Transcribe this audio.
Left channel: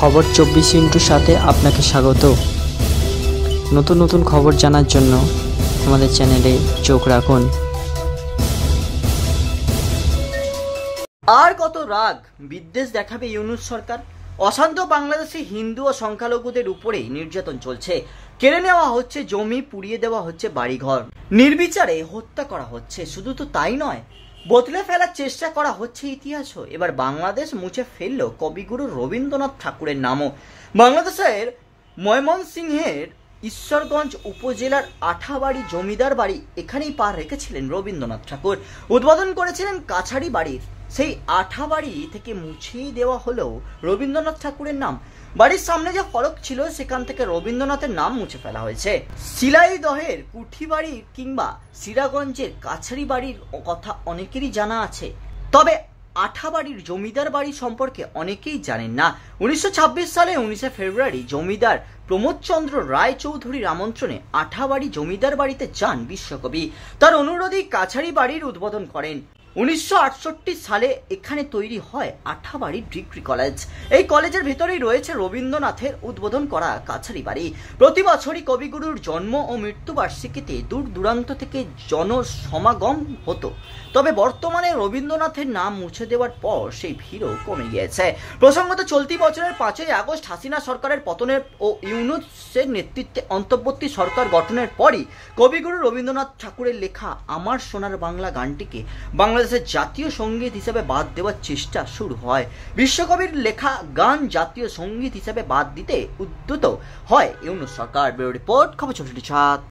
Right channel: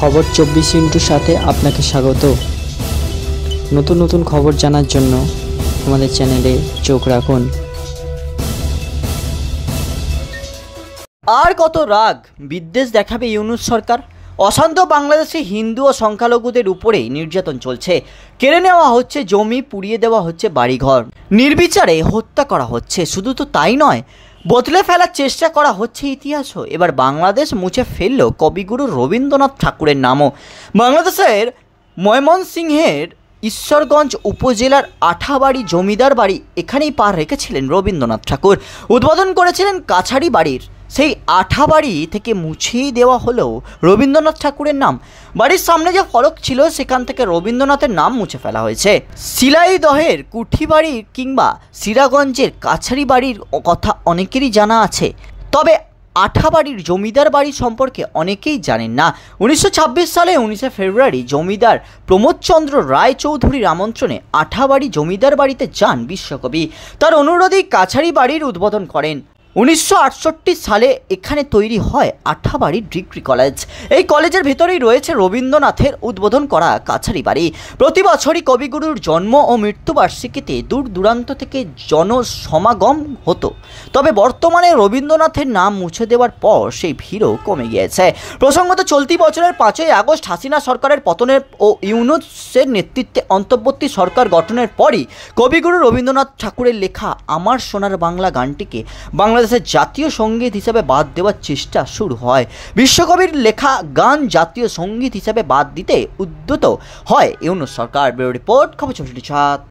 খবর 24 সাথে আপনাকে স্বাগত। নতুন নতুন খবর জানার জন্য আমাদের চ্যানেলে চোখ রাখুন। আর কত রাগ বিদ্বেষ দেখাবে ইউনূস সরকার? অশান্ত বাংলাদেশে হিন্দু ও সংখ্যালঘুদের উপরেই নির্যাতন চলছে। কেড়ে নেওয়া হচ্ছে জমি, পুড়িয়ে দেওয়া হচ্ছে বাড়িঘর, নির্বিচারে হত্যা করা হচ্ছে। শুধু তো তাই নয়, বদলে ফেলার চেষ্টা করা হচ্ছে ইতিহাসও। এবার বাংলাদেশ মুছে ফেলল কবিগুরু রবীন্দ্রনাথ ঠাকুরের নামও। বাংলাদেশের ময়মনসিংহের ঈশ্বরগঞ্জ উপজেলার আঠাবাড়ি জমিদার বাড়ি, এখানেই পা রেখেছিলেন রবীন্দ্রনাথ ঠাকুর। উদ্বোধন করেছিলেন কাছারি বাড়ির। সেই আঠাবাড়ি থেকে মুছেই দেওয়া হলো রবীন্দ্রনাথ ঠাকুরের নাম। বাড়ির সামনে যে ফলক ছিল সেখান থেকে রবীন্দ্রনাথের নাম মুছে ফেলা হয়েছে। শিলাইদহের কুঠিবাড়ির কিংবা সিরাগঞ্জের কাছারি বাড়ির কথা অনেকেরই জানা আছে, তবে আঠাবাড়ির জমিদার বাড়ি সম্পর্কে অনেকেই জানেন না। 1926 সালে 19 ফেব্রুয়ারি জমিদার প্রমোদচন্দ্র রায় চৌধুরীর আমন্ত্রণে আঠাবাড়ি জমিদার বাড়িতে যান বিশ্বকবি। তার অনুরোধেই কাছারি বাড়ির উদ্বোধন করেন। 1968 সালে এখানে তৈরি হয় আঠাবাড়ি ডিগ্রি কলেজ। এই কলেজের ভেতরেই রয়েছে রবীন্দ্রনাথের উদ্বোধন করা কাছারি বাড়ি। প্রতি বছরই কবিগুরুর জন্ম ও মৃত্যুবার্ষিকীতে দূর দূরান্ত থেকে জনসমাগম হতো, তবে বর্তমানে রবীন্দ্রনাথের নাম মুছে দেওয়ার পর সেই ভিড়ও কমে গিয়েছে। প্রসঙ্গত, চলতি বছরের 5ই আগস্ট হাসিনা সরকারের পতনের ও ইউনূসের নেতৃত্বে অন্তর্বর্তী সরকার গঠনের পরই কবিগুরু রবীন্দ্রনাথ ঠাকুরের লেখা আমার সোনার বাংলা গানটিকে বাংলাদেশের জাতীয় সঙ্গীত হিসাবে বাদ দেওয়ার চেষ্টা শুরু হয়। বিশ্বকবির লেখা গান জাতীয় সঙ্গীত হিসাবে বাদ দিতে উদ্যত হয় ইউনূস সরকার। ব্যুরো রিপোর্ট, খবর 24।